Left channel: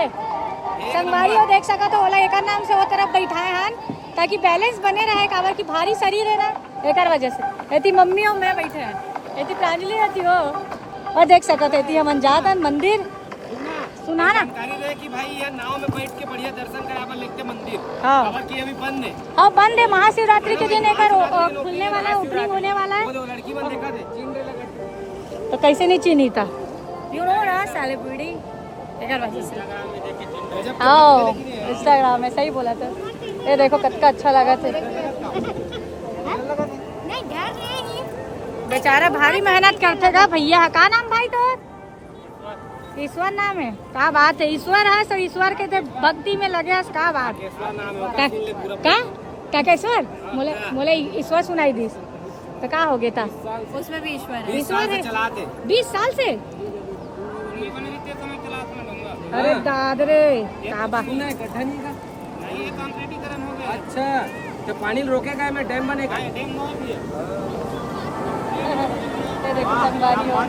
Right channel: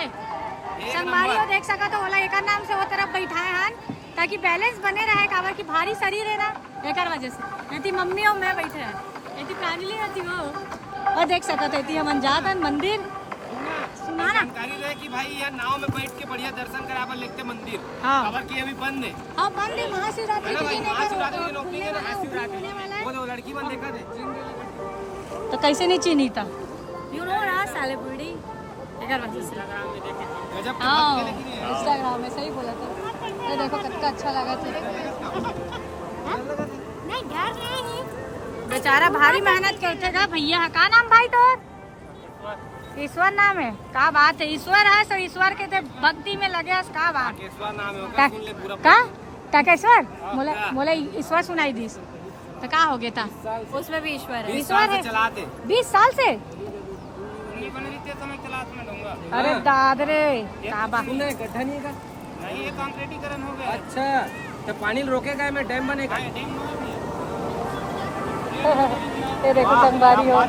चले संगवारी हो देख सका तो ओला एक नाम से वो तरफ बैठाए हन ताकि बैलेंस बने रहे काबर की भारी शरीर है ना एक वजह से एती मम्मी और मैं बैठे हैं एती प्रांजलि रहती हो और देख सका तो एती हम जात हन मंदिर सुना ना जानकारी रहे कि भाई यहाँ नाव में बैठ के बढ़िया दर्शन करावर लिखते मंदिर हाँ खबर की अभी बंद है हाँ बंद है महाशिवरात्रि के दिन एक बार खुलने वाला है ओपनिंग होने वाला है वो जो लड़की बंद देखा थे तो कैसे नहीं चीनी था यू नो ना साले बूढ़ी एक वजह से आओ इंस्टाग्राम में सही बोला था ये देखो कितना अच्छा लगा था बेचारा भारी मेहनत करते गा भैया का नाम भाई तो ईश्वर नाम है का बात है ईश्वर है तो ईश्वर के ते भक्ति में लगे का बात का काकेश्वर मोले मोले ईश्वर सुनाई दी तो का हो गया था उसमें भी ईश्वर है ईश्वर है चलाते 20 साल से अरे दादरे का बात गड्ढा नहीं का नहीं ये कंक्रीटीकरण हो गया अच्छा तो पानी रोकेगा मैं डैम बनेगा डैम ये देखो संगवारी हो